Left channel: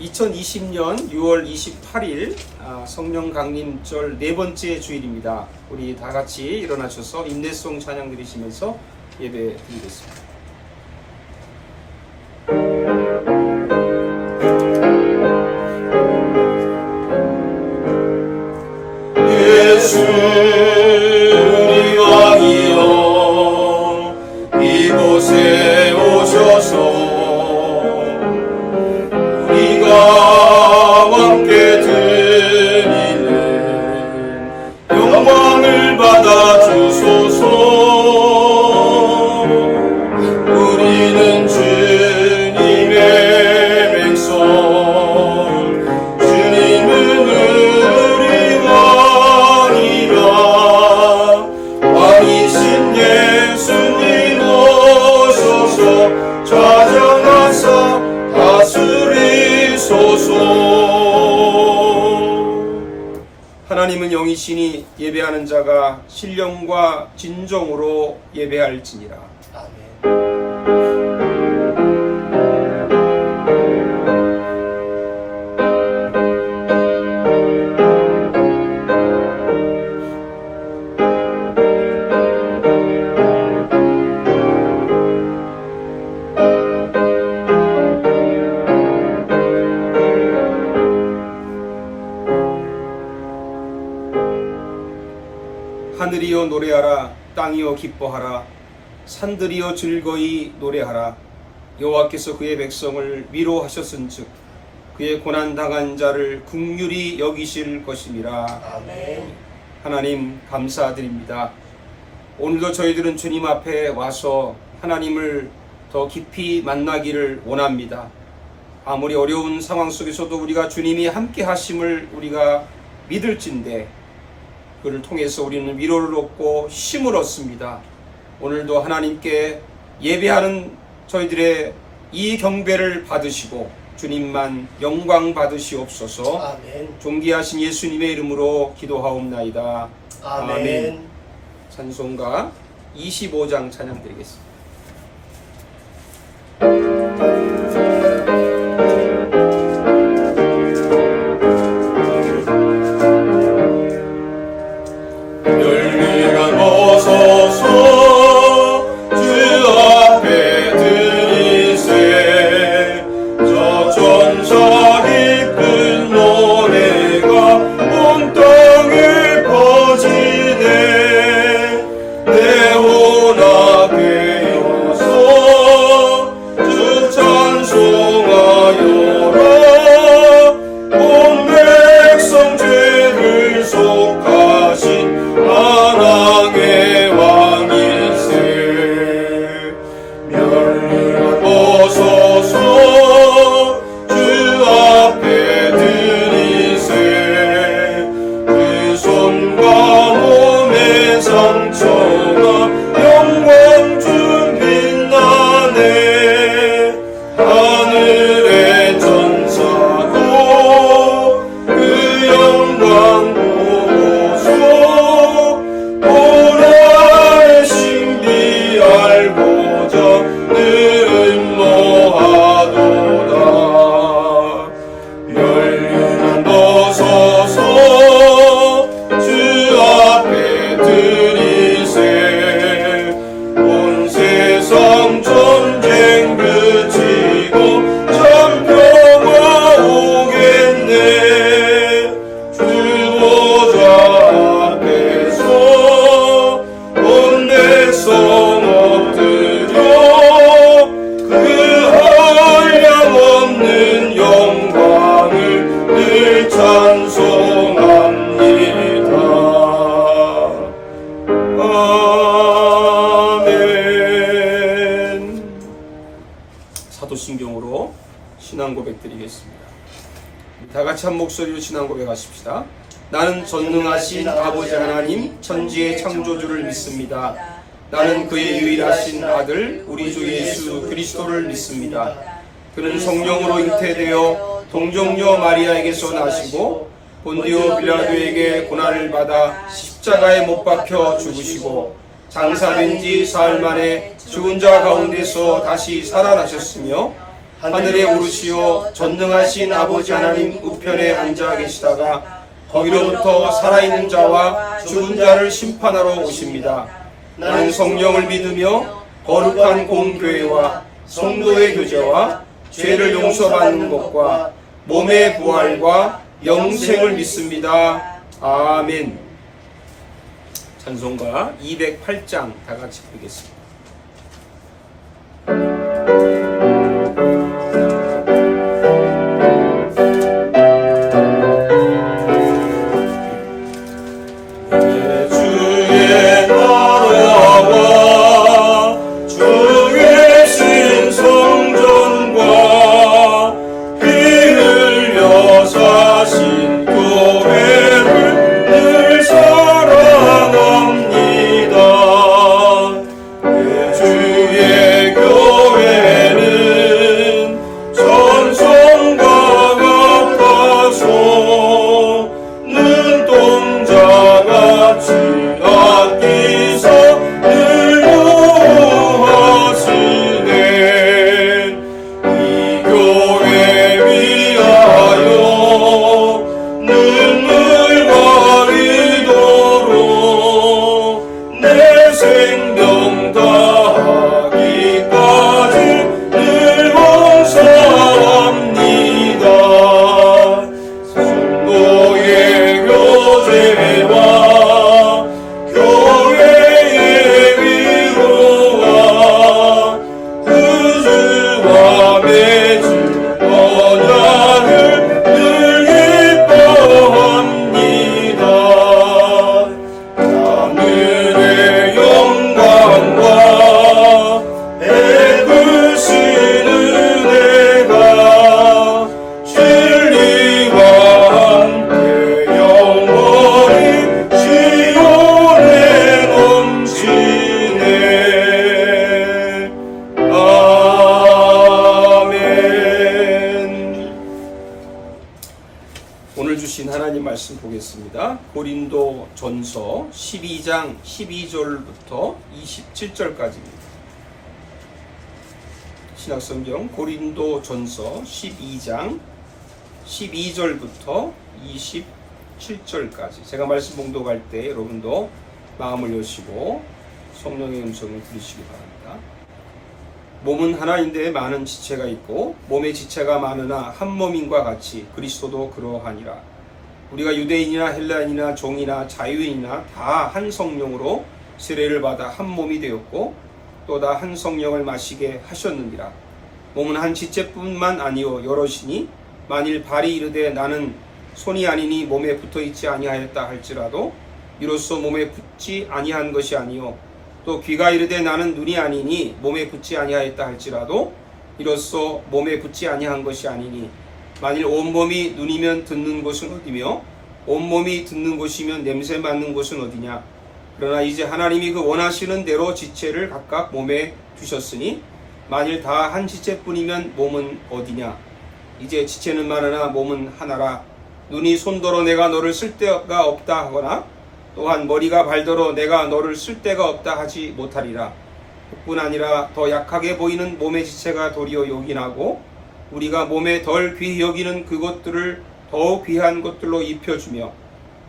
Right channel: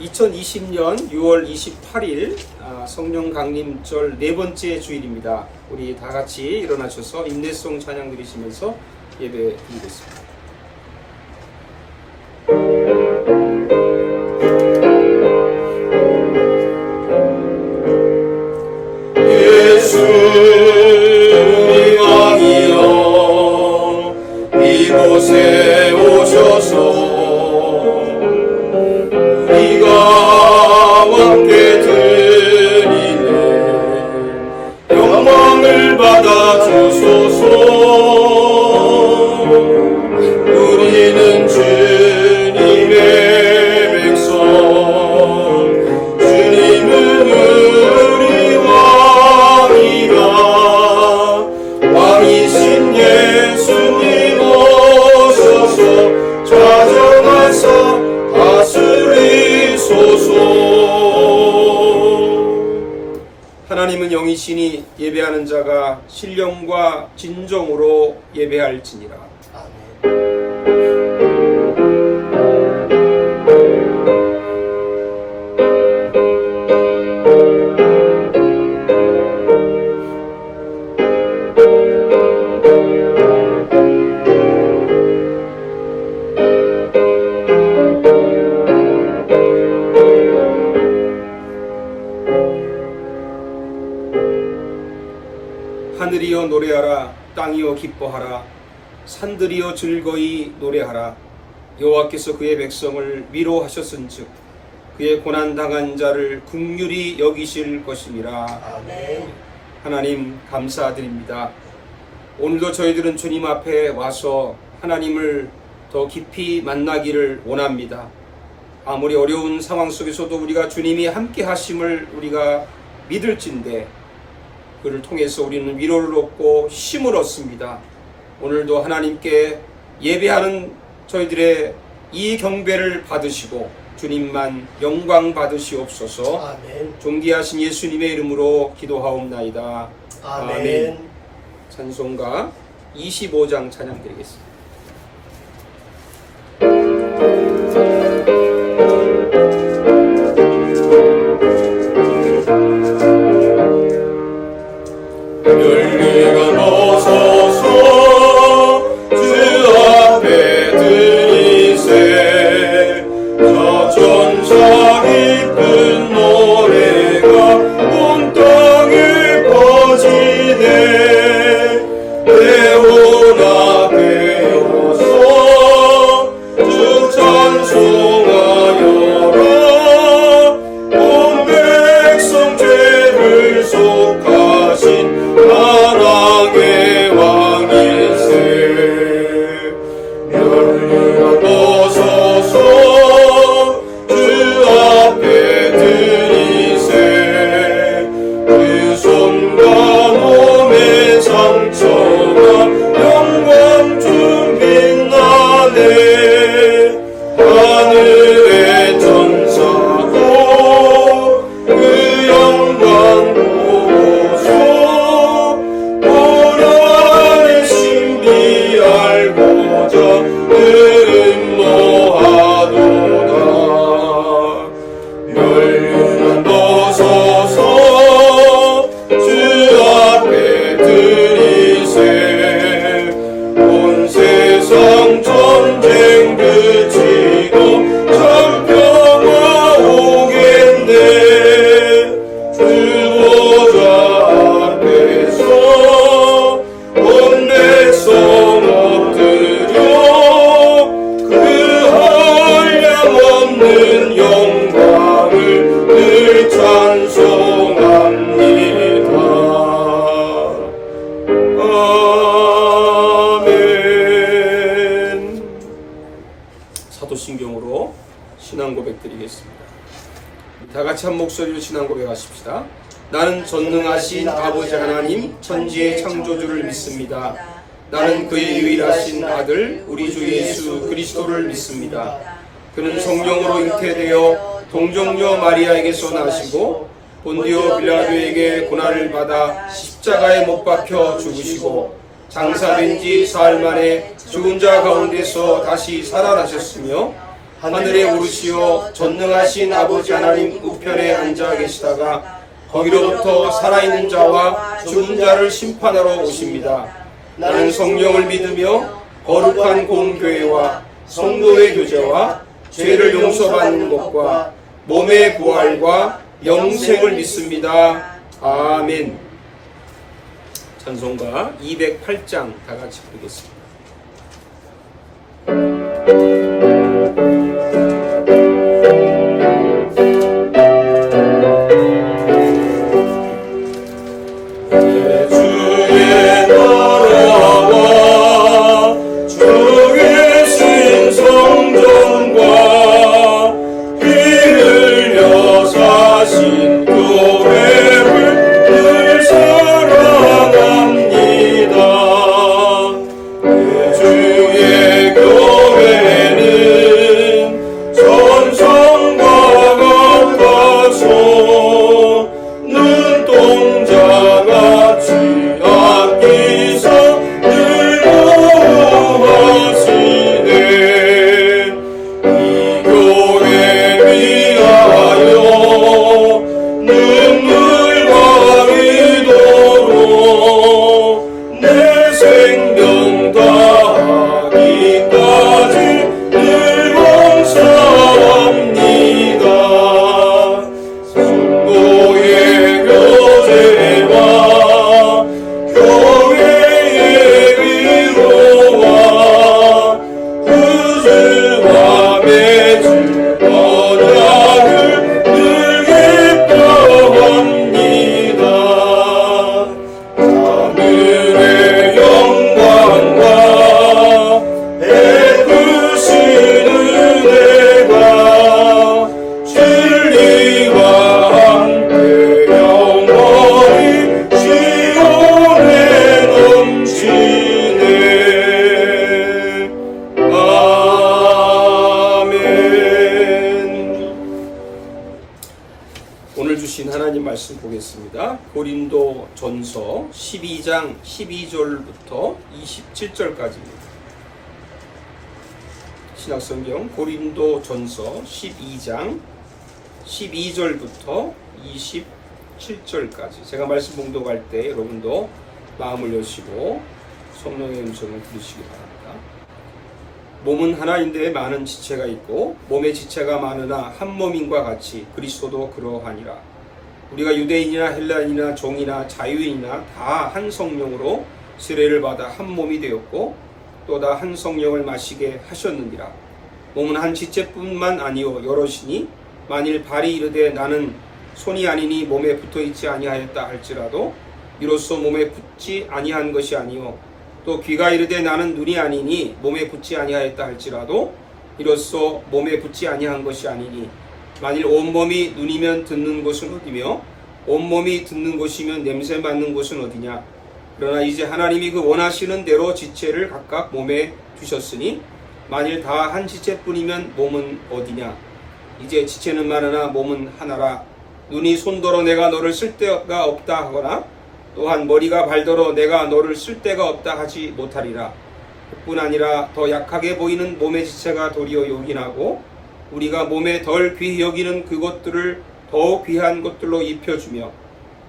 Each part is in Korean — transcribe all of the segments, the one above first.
2020년 6월 28일 성령 강림절 네 번째 주일입니다. 우리 다 같이 일어나셔서 인내송 찬양 드리시면서 예배 드리겠습니다. 이곳에 오셔서 우리가 함께 드리는 영광을 받아주소서. 우리는 주님의 백성, 주님은 우리와 이라 왕이신 예수님 찾아와서 다스리소서. 하나님은 영이시니 예배하는 자가 신령과 진정으로 예배할지니라. 하늘이여 노래하라. 땅이여 기뻐하라. 산들이여 즐거이 노래하라. 여호와께서 그의 백성을 위로하셨은즉 그의 고난당한 자를 긍휼히 여기실 것이니라. 아멘. 하나님 감사드립니다. 오늘도 저희들은 주님 앞에 와서 하나님을 더 깊이 만나기를 원합니다. 아무리 어려운 상황 속에서도 우리가 주님이 함께 하심을 우리가 믿을진데 그를 통해서 우리는 위로를 얻고 힘을 얻습니다. 오늘도 하나님께 예배하는 저희들의 이 경배를 받으시고 주님만 영광 받으시옵소서. 아멘. 존귀하신 예수님의 이름으로 기도하옵나이다. 아멘. 찬송가 25장 찬양 드리겠습니다. 열매가 벗어서 주 앞에 드리세. 저 전사 기쁜 노래가 온 땅에 퍼지네. 내 온 앞에 서서 주 찬송하여라. 온 백성 죄를 속하신 사랑의 왕이세. 멸류관 벗어서 주 앞에 드리세. 그 손과 몸의 상처가 영광 주 빛나네. 하늘의 천사도 그 영광 보소. 보라의 신비 알고자 늘은 뭐하도다. 멸류관 벗어서 주 앞에 드리세. 온 세상 전쟁 그치고 참 평화 오겠네. 주보좌 앞에서 온 백성 엎드려 그 한량없는 영광을 늘 찬송합니다. 아멘. 사도신경으로 신앙 고백 드리겠습니다. 다 같이 한 목소리로 신앙 고백하십시다. 나는 전능하신 아버지 하나님 천지의 창조주를 믿습니다. 나는 그의 유일하신 아들 우리 주 예수 그리스도를 믿습니다. 그는 성령으로 잉태되어 동정녀 마리아에게서 나시고 본디오 빌라도에게 고난을 받아 십자가에 못 박혀 죽으시고 장사된 지 사흘 만에 죽은 자 가운데서 다시 살아나셨으며 하늘에 오르시어 전능하신 아버지 하나님 우편에 앉아 계시다가 거기로부터 살아있는 자와 죽은 자를 심판하러 오십니다. 나는 성령을 믿으며 거룩한 공교회와 성도의 교제와 죄를 용서받는 것과 몸의 부활과 영생을 믿습니다. 아멘. 찬송가 208장 다 같이 부르겠습니다. 주의 나라와 주의 신성전과 피 흘려 사신 교회를 늘 사랑합니다. 주의 교회는 전성과 같아서 눈동자같이 아끼사 늘 보호하시네. 이 교회 위하여 눈물 가리도록 내 생명 다하기까지 늘 봉사합니다. 성도의 교제와 교회의 위로와 구주와 맺은 언약을 늘 기뻐합니다. 하늘의 영광과 베푸신 은혜가 진리와 함께 영원히 시온에 넘치네. 아멘. 오늘 주신 하나님 말씀 보겠습니다. 고린도 전서 12장 12절부터 27절까지입니다. 신약성경 고린도 전서 12장 12절부터 27절까지 제가 말씀 봉독할 때 여러분도 마음을 여시고 성령의 음성을 들으시기 바랍니다. 몸은 하나인데 많은 지체가 있고 몸의 지체가 많으나 한 몸인과 같이 그리스도도 그러하니라. 우리가 유대인이나 헬라인이나 종이나 자유인이나 다 한 성령으로 세례를 받아 한 몸이 되었고 또 다 한 성령을 마시게 하셨느니라. 몸은 한 지체뿐만 아니요 여럿이니 만일 발이 이르되 나는 손이 아니니 몸에 붙어있지 아니하였다 할지라도 이로써 몸에 붙지 아니한 것이 아니요 또 귀가 이르되 나는 눈이 아니니 몸에 붙지 아니하였다 할지라도 이로써 몸에 붙지 아니한 것이 아니니 만일 온몸이 눈이면 듣는 곳은 어디며 온몸이 듣는 곳이면 냄새 맡는 곳은 어디냐. 그러나 이제 하나님이 그 원하시는 대로 지체를 각각 몸에 주셨으니 만일 다 한 지체뿐이면 몸은 어디냐. 이제 지체는 많으나 몸은 하나라. 눈이 손더러 내가 너를 쓸 데가 없다 하거나 또한 머리가 발더러 내가 너를 쓸 데가 없다 하지 못하리라. 그뿐 아니라 더 약하게 보이는 몸의 지체가 도리어 요긴하고 우리가 몸에 덜 귀히 여기는 그것들을 더욱 귀한 것들로 입혀주며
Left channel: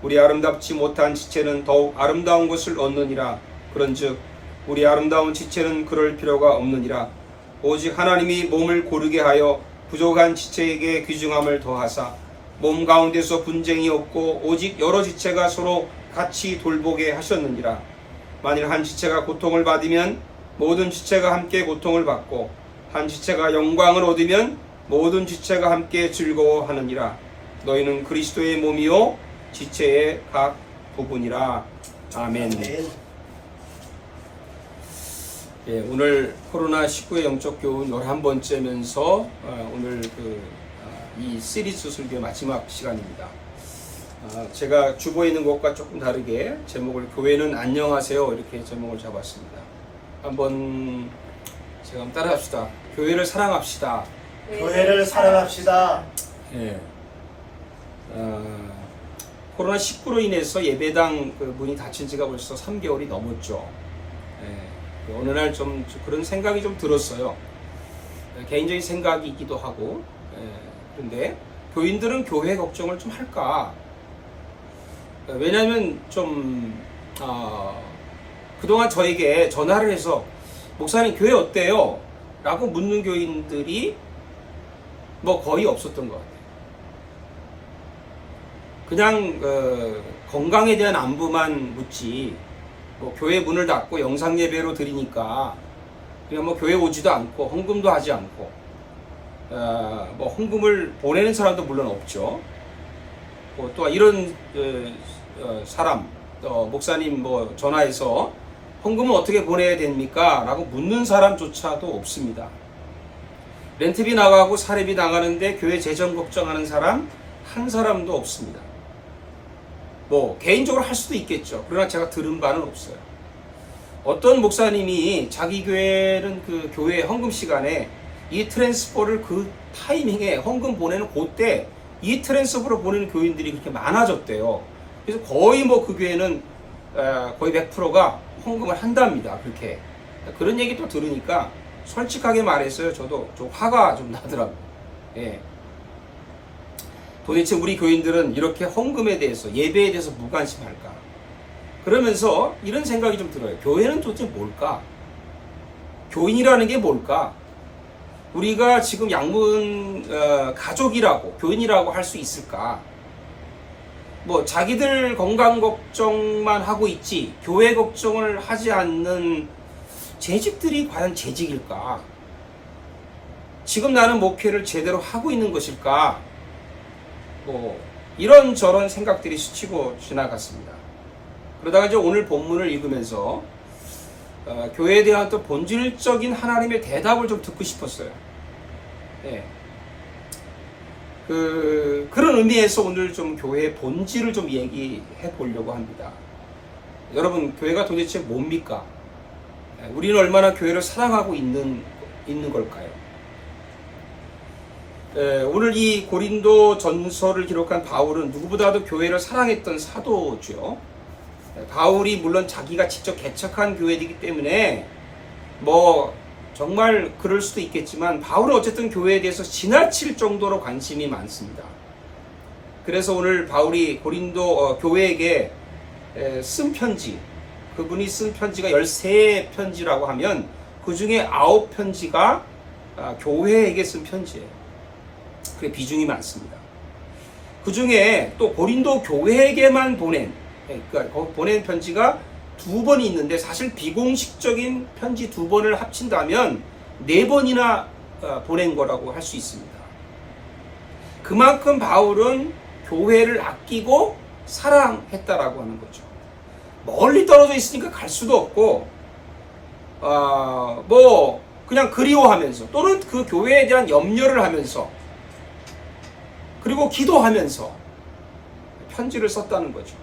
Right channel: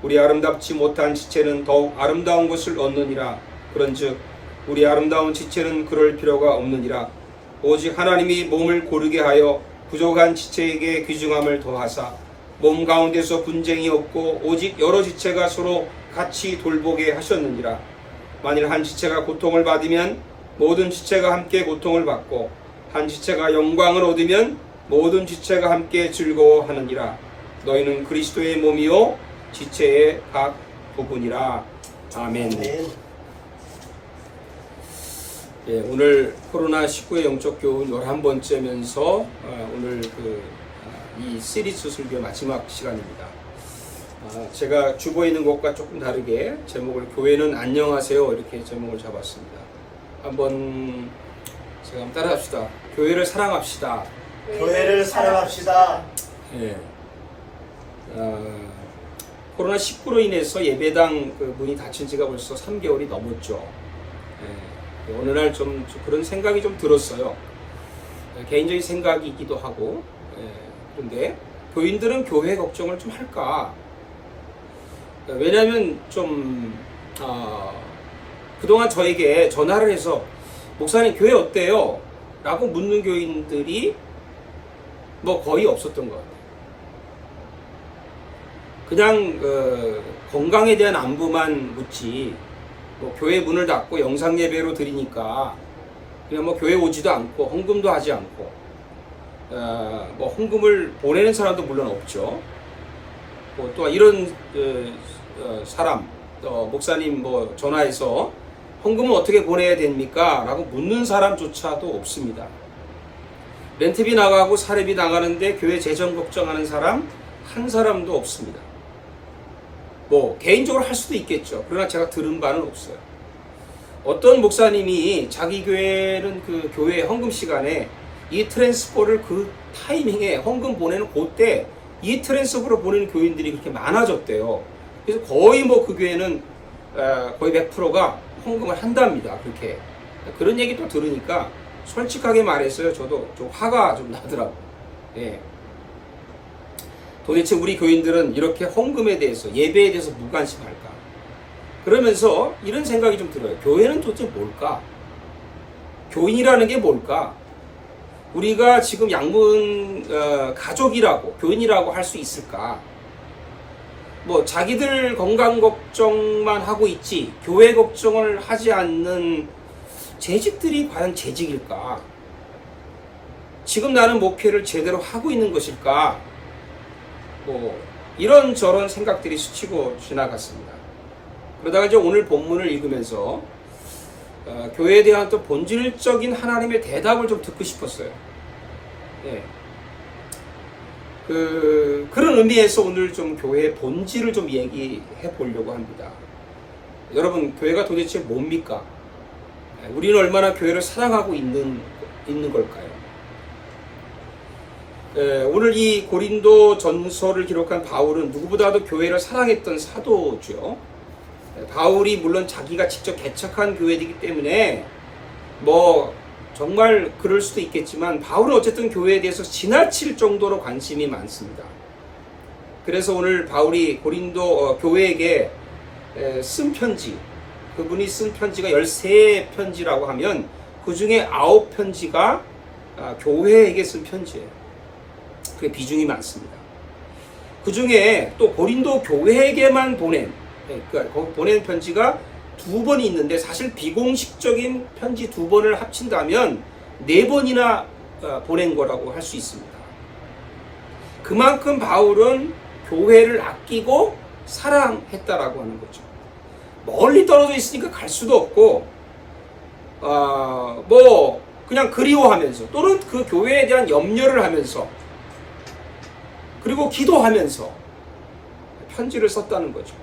우리 아름답지 못한 지체는 더욱 아름다운 것을 얻느니라. 그런즉 우리 아름다운 지체는 그럴 필요가 없느니라. 오직 하나님이 몸을 고르게 하여 부족한 지체에게 귀중함을 더하사 몸 가운데서 분쟁이 없고 오직 여러 지체가 서로 같이 돌보게 하셨느니라. 만일 한 지체가 고통을 받으면 모든 지체가 함께 고통을 받고 한 지체가 영광을 얻으면 모든 지체가 함께 즐거워하느니라. 너희는 그리스도의 몸이요 지체의 각 부분이라. 아멘. 예, 오늘 코로나19의 영적 교훈 11번째면서 오늘 이 시리즈 설교 마지막 시간입니다. 제가 주보에 있는 것과 조금 다르게 제목을 교회는 안녕하세요 이렇게 제목을 잡았습니다. 한번 제가 한번 따라합시다. 교회를 사랑합시다. 교회를 사랑합시다. 예. 코로나19로 인해서 예배당 문이 닫힌 지가 벌써 3개월이 넘었죠. 예. 어느 날 좀 그런 생각이 좀 들었어요. 개인적인 생각이기도 하고, 그런데 교인들은 교회 걱정을 좀 할까? 왜냐하면 좀 그동안 저에게 전화를 해서 목사님 교회 어때요? 라고 묻는 교인들이 뭐 거의 없었던 것 같아요. 그냥 건강에 대한 안부만 묻지, 뭐 교회 문을 닫고 영상 예배로 드리니까 그냥 뭐 교회 오지도 않고 헌금도 하지 않고 뭐 헌금을 보내는 사람도 물론 없죠. 또 이런 사람, 목사님 뭐 전화해서 헌금은 어떻게 보내야 됩니까? 라고 묻는 사람조차도 없습니다. 렌트비 나가고 사례비 나가는데 교회 재정 걱정하는 사람 한 사람도 없습니다. 뭐 개인적으로 할 수도 있겠죠. 그러나 제가 들은 바는 없어요. 어떤 목사님이 자기 교회는 그 교회 헌금 시간에 이 트랜스퍼를 그 타이밍에 헌금 보내는 그때 이 트랜스퍼를 보내는 교인들이 그렇게 많아졌대요. 그래서 거의 뭐 그 교회는 거의 100%가 헌금을 한답니다. 그렇게 그런 얘기 또 들으니까 솔직하게 말해서요, 저도 좀 화가 좀 나더라고요. 예. 도대체 우리 교인들은 이렇게 헌금에 대해서, 예배에 대해서 무관심할까? 그러면서 이런 생각이 좀 들어요. 교회는 도대체 뭘까? 교인이라는 게 뭘까? 우리가 지금 양문 가족이라고, 교인이라고 할 수 있을까? 뭐 자기들 건강 걱정만 하고 있지 교회 걱정을 하지 않는 재직들이 과연 재직일까? 지금 나는 목회를 제대로 하고 있는 것일까? 뭐 이런저런 생각들이 스치고 지나갔습니다. 그러다가 이제 오늘 본문을 읽으면서 교회에 대한 또 본질적인 하나님의 대답을 좀 듣고 싶었어요. 예. 그런 의미에서 오늘 좀 교회의 본질을 좀 얘기해 보려고 합니다. 여러분, 교회가 도대체 뭡니까? 우리는 얼마나 교회를 사랑하고 있는 걸까요? 오늘 이 고린도 전서를 기록한 바울은 누구보다도 교회를 사랑했던 사도죠. 바울이 물론 자기가 직접 개척한 교회이기 때문에 뭐 정말 그럴 수도 있겠지만 바울은 어쨌든 교회에 대해서 지나칠 정도로 관심이 많습니다. 그래서 오늘 바울이 고린도 교회에게 쓴 편지, 그분이 쓴 편지가 13편지라고 하면 그 중에 9편지가 교회에게 쓴 편지예요. 그게 비중이 많습니다. 그 중에 또 고린도 교회에게만 보낸 편지가 2번이 있는데 사실 비공식적인 편지 2번을 합친다면 4번이나 보낸 거라고 할 수 있습니다. 그만큼 바울은 교회를 아끼고 사랑했다라고 하는 거죠. 멀리 떨어져 있으니까 갈 수도 없고 뭐 그냥 그리워하면서 또는 그 교회에 대한 염려를 하면서 그리고 기도하면서 편지를 썼다는 거죠.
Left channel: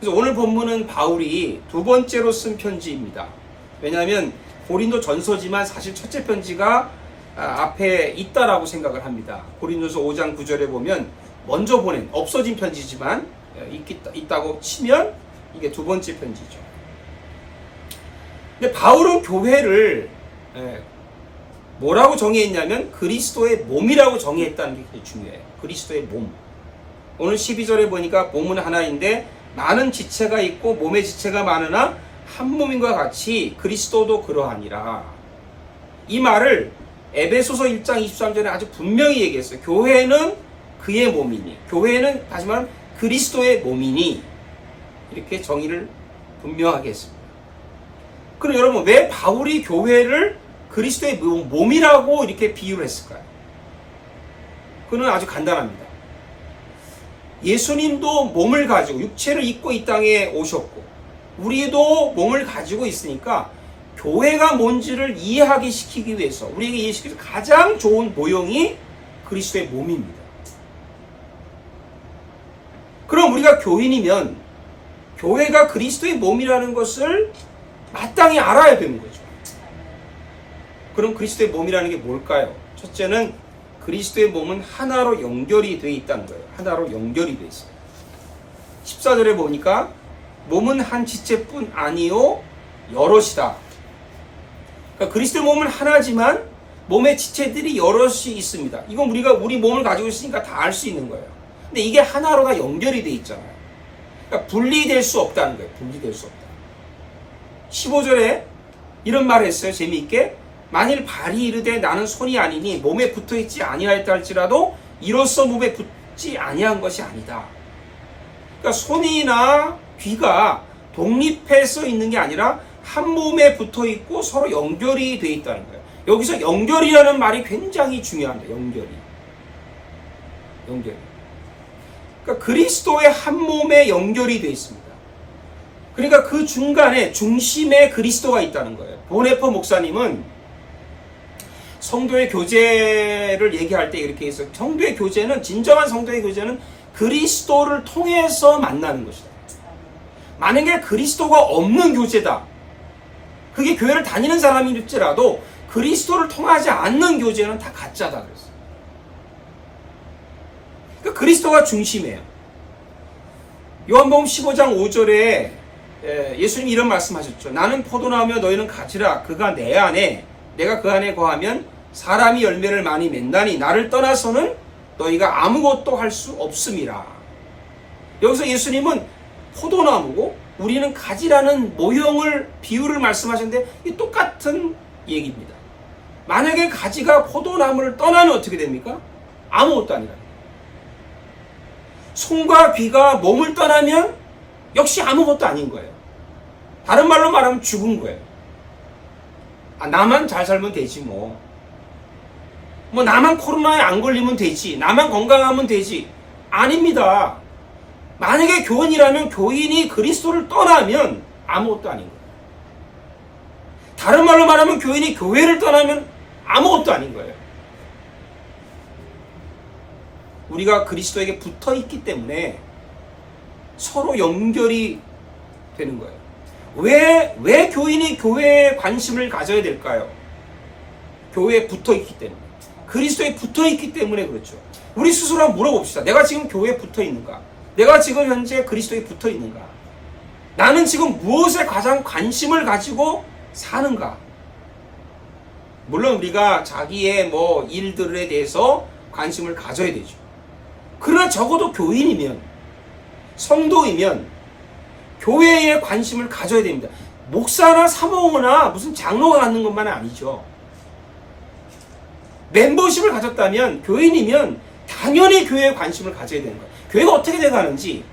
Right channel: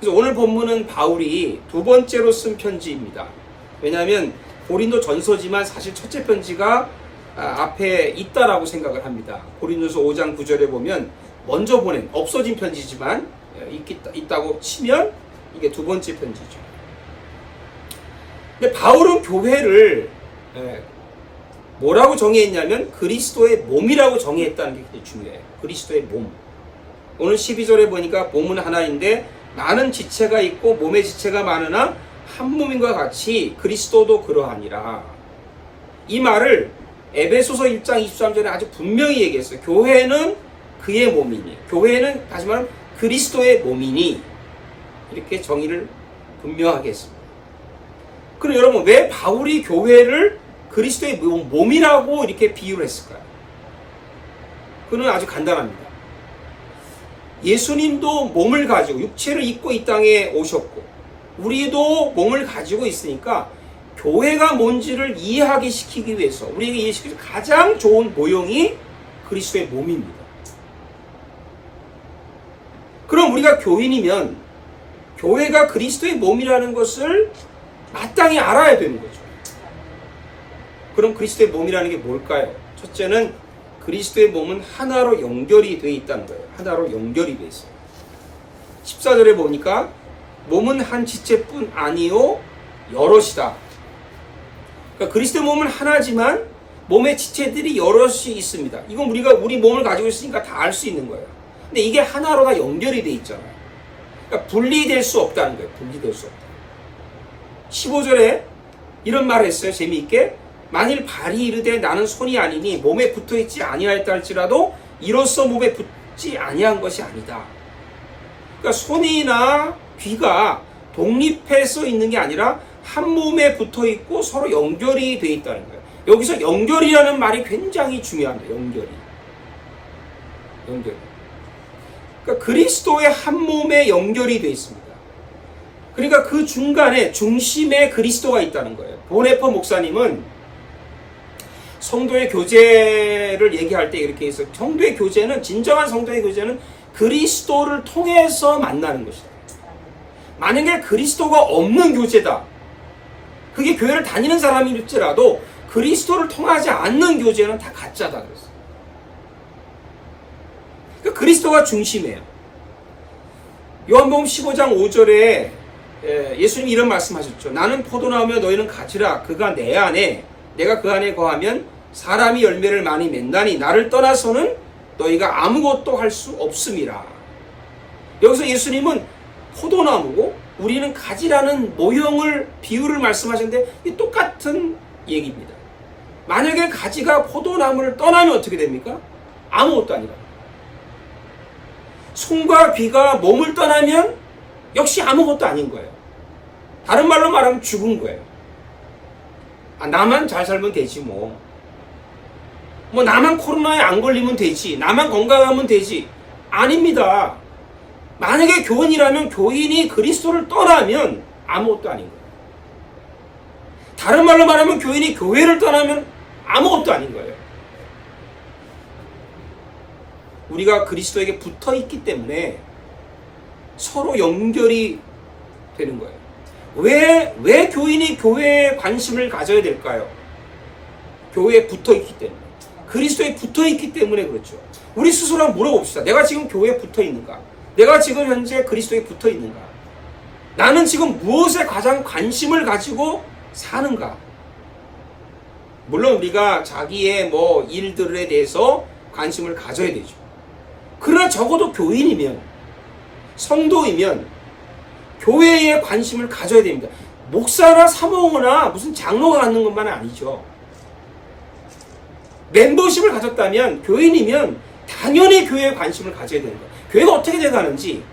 그래서 오늘 본문은 바울이 2번째로 쓴 편지입니다. 왜냐하면 고린도 전서지만 사실 첫째 편지가 앞에 있다라고 생각을 합니다. 고린도서 5장 9절에 보면 먼저 보낸 없어진 편지지만 있다고 치면 이게 2번째 편지죠. 근데 바울은 교회를 뭐라고 정의했냐면 그리스도의 몸이라고 정의했다는 게 중요해요. 그리스도의 몸. 오늘 12절에 보니까 몸은 하나인데 많은 지체가 있고 몸의 지체가 많으나 한 몸인과 같이 그리스도도 그러하니라. 이 말을 에베소서 1장 23절에 아주 분명히 얘기했어요. 교회는 그의 몸이니, 교회는 다시 말하면 그리스도의 몸이니, 이렇게 정의를 분명하게 했습니다. 그럼 여러분, 왜 바울이 교회를 그리스도의 몸이라고 이렇게 비유를 했을까요? 그는 아주 간단합니다. 예수님도 몸을 가지고 육체를 입고 이 땅에 오셨고 우리도 몸을 가지고 있으니까 교회가 뭔지를 이해하게 시키기 위해서 우리에게 이해시키는 가장 좋은 모형이 그리스도의 몸입니다. 그럼 우리가 교인이면 교회가 그리스도의 몸이라는 것을 마땅히 알아야 되는 거죠. 그럼 그리스도의 몸이라는 게 뭘까요? 첫째는 그리스도의 몸은 하나로 연결이 되어 있다는 거예요. 하나로 연결이 되어 있어요. 14절에 보니까 몸은 한 지체뿐 아니요 여럿이다. 그러니까 그리스도의 몸은 하나지만 몸의 지체들이 여럿이 있습니다. 이건 우리가 우리 몸을 가지고 있으니까 다 알 수 있는 거예요. 근데 이게 하나로 다 연결이 돼 있잖아요. 그러니까 분리될 수 없다는 거예요. 분리될 수 없다. 15절에 이런 말을 했어요. 재미있게. 만일 발이 이르되 나는 손이 아니니 몸에 붙어있지 아니하였다 할지라도 이로써 몸에 붙지 아니한 것이 아니다. 그러니까 손이나 귀가 독립해서 있는 게 아니라 한 몸에 붙어있고 서로 연결이 돼 있다는 거예요. 여기서 연결이라는 말이 굉장히 중요합니다. 연결이. 그러니까 그리스도의 한 몸에 연결이 되어 있습니다. 그러니까 그 중간에 중심에 그리스도가 있다는 거예요. 보네퍼 목사님은 성도의 교제를 얘기할 때 이렇게 해서 성도의 교제는 진정한 성도의 교제는 그리스도를 통해서 만나는 것이다. 만약에 그리스도가 없는 교제다. 그게 교회를 다니는 사람일지라도 그리스도를 통하지 않는 교제는 다 가짜다 그랬어요. 그러니까 그리스도가 중심이에요. 요한복음 15장 5절에 예수님이 이런 말씀하셨죠. 나는 포도나무며 너희는 가지라. 그가 내 안에 내가 그 안에 거하면 사람이 열매를 많이 맺나니 나를 떠나서는 너희가 아무것도 할 수 없음이라. 여기서 예수님은 포도나무고 우리는 가지라는 모형을 비유를 말씀하셨는데 이 똑같은 얘기입니다. 만약에 가지가 포도나무를 떠나면 어떻게 됩니까? 아무것도 아니라. 손과 귀가 몸을 떠나면 역시 아무것도 아닌 거예요. 다른 말로 말하면 죽은 거예요. 나만 잘 살면 되지 뭐 나만 코로나에 안 걸리면 되지, 나만 건강하면 되지. 아닙니다. 만약에 교인이라면 교인이 그리스도를 떠나면 아무것도 아닌 거예요. 다른 말로 말하면 교인이 교회를 떠나면 아무것도 아닌 거예요. 우리가 그리스도에게 붙어 있기 때문에 서로 연결이 되는 거예요. 왜 교인이 교회에 관심을 가져야 될까요? 교회에 붙어 있기 때문에. 그리스도에 붙어 있기 때문에 그렇죠. 우리 스스로 한번 물어봅시다. 내가 지금 교회에 붙어 있는가? 내가 지금 현재 그리스도에 붙어 있는가? 나는 지금 무엇에 가장 관심을 가지고 사는가? 물론 우리가 자기의 일들에 대해서 관심을 가져야 되죠. 그러나 적어도 교인이면, 성도이면 교회에 관심을 가져야 됩니다. 목사나 사모거나 무슨 장로가 갖는 것만은 아니죠. 멤버십을 가졌다면, 교인이면 당연히 교회에 관심을 가져야 됩니다. 교회가 어떻게 돼가는지.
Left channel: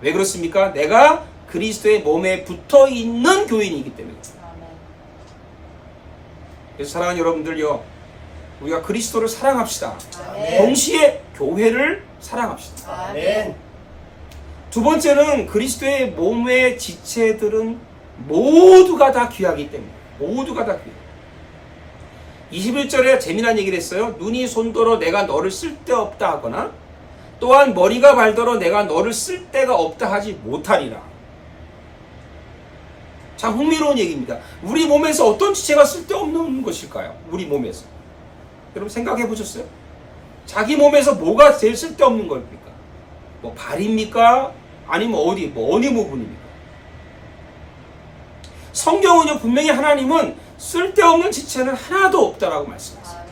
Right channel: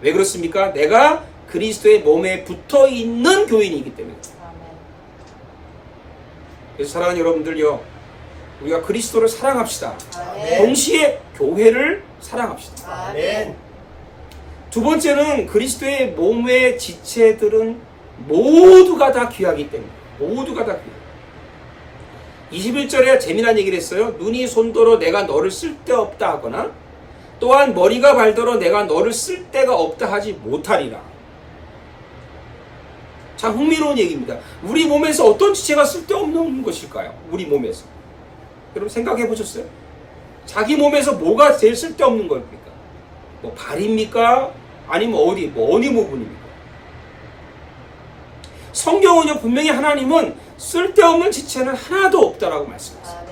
왜 그렇습니까? 내가 그리스도의 몸에 붙어 있는 교인이기 때문에. 그래서 사랑하는 여러분들요, 우리가 그리스도를 사랑합시다. 아멘. 동시에 교회를 사랑합시다. 아멘. 두 번째는 그리스도의 몸의 지체들은 모두가 다 귀하기 때문에. 모두가 다 귀해요. 21절에 재미난 얘기를 했어요. 눈이 손더러 내가 너를 쓸데없다 하거나 또한 머리가 발더러 내가 너를 쓸데가 없다 하지 못하리라. 참 흥미로운 얘기입니다. 우리 몸에서 어떤 지체가 쓸데없는 것일까요? 우리 몸에서. 여러분 생각해 보셨어요? 자기 몸에서 뭐가 제일 쓸데없는 겁니까? 발입니까? 아니면 어느 부분입니까? 성경은요, 분명히 하나님은 쓸데없는 지체는 하나도 없다라고 말씀하셨어요.